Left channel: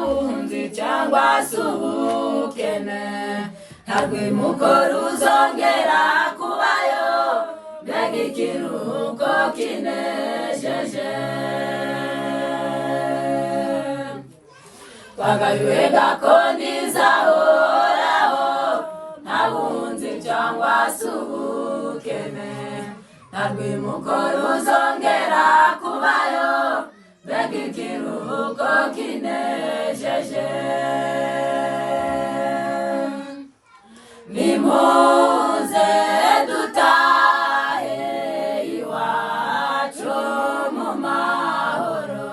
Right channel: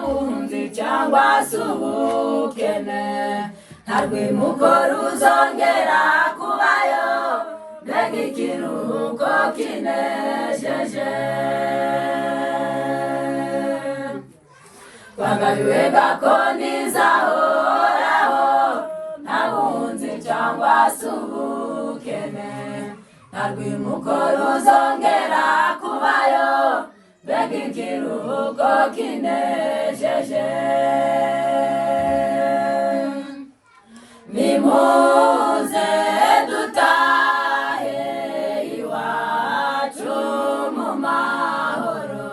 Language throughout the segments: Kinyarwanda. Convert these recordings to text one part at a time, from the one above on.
buhunzi cyangwa se ubukene, nta rwimuko ruzongera kubayo, mbega ikiruhuko kinejeje. Twagabiwe gakondo izahoraho, nta buhunzi cyangwa se ubukene, nta rwimuko ruzongera kubayo, mbega ikiruhuko kinejeje. Nimuze dutahe iwacu mu mahoro,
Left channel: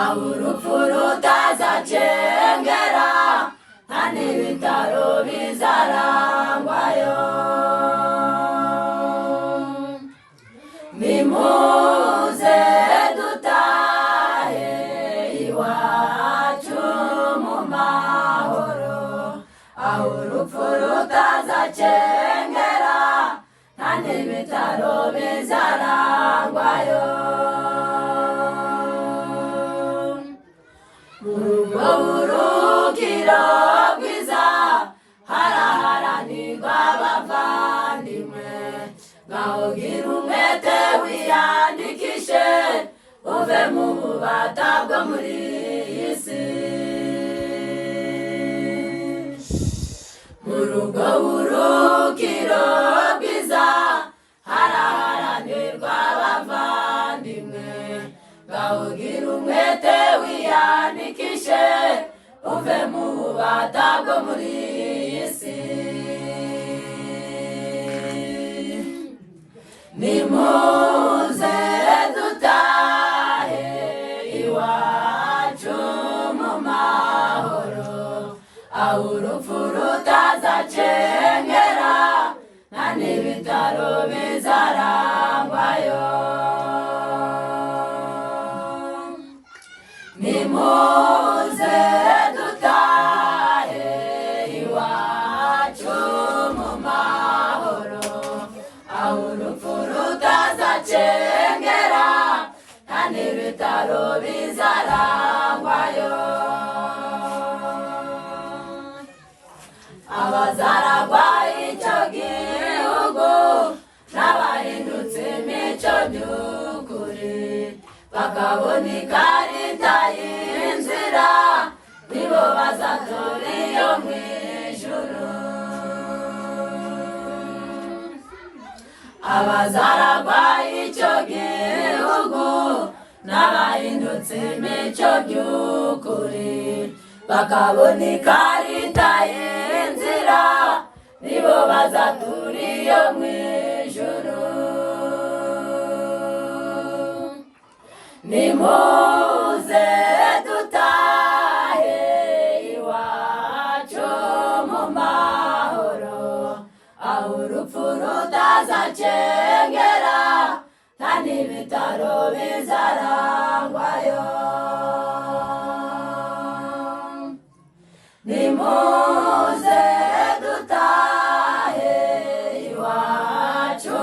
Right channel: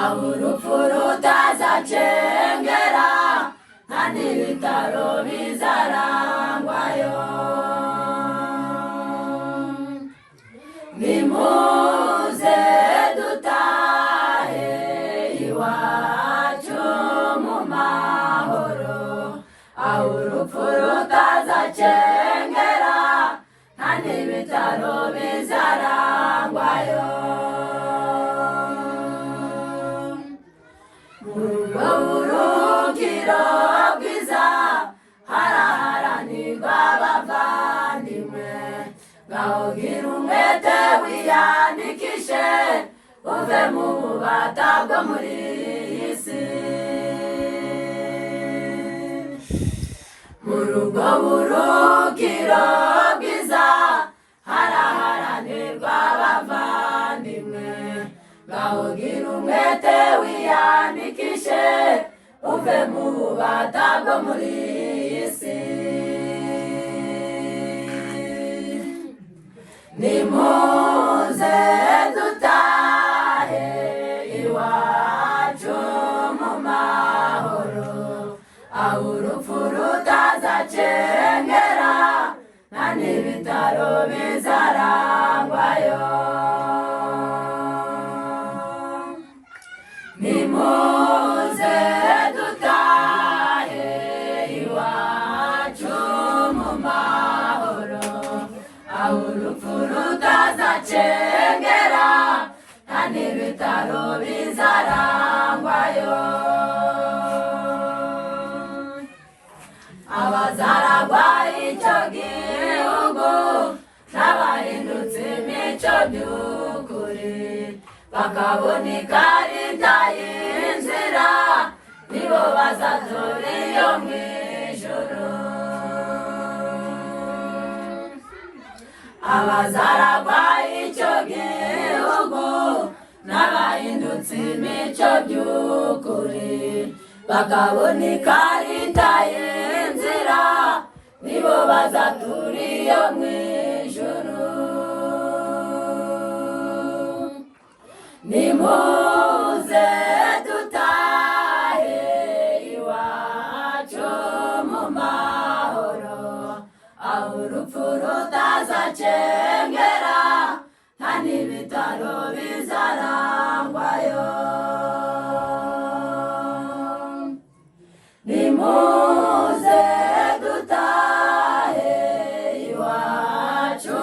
aho urupfu rutazacengera, nta n'ibitaro bizarangwayo. Nimuze dutahe iwacu mu mahoro, aho urupfu rutazacengera, nta n'ibitaro bizarangwayo. Urwo buruhukiro bwiza haraharanirwa abavandimwe, ngaho gira umwete wiyandikishe, uve mu bubata bwo muri iyi si. Muri ubwo buruhukiro bwiza haraharanirwa abavandimwe, ngaho gira umwete wiyandikishe, uve mu bubata bwo muri iyi si. Nimuze dutahe iwacu mu mahoro, aho urupfu rutazacengera, nta n'ibitaro bizarangwayo. Nimuze dutahe iwacu mu mahoro, aho urupfu rutazacengera, nta n'ibitaro bizarangwayo. Abazaragwa icyo gihugu n'abahindutse imico by'ukuri, bakabona ikarita y'inzira, nibo bazatura iyo mu ijuru. Abazaragwa icyo gihugu n'abahindutse imico by'ukuri, bakabona ikarita y'inzira, nibo bazatura iyo mu ijuru. Nimuze dutahe iwacu mu mahoro, aho urupfu rutazacengera, nta n'ibitaro bizarangwayo. Nimuze dutahe iwacu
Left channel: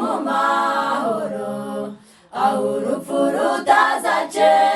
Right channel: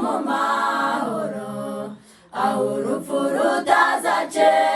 mu mahoro, aho urupfu rutazacengera,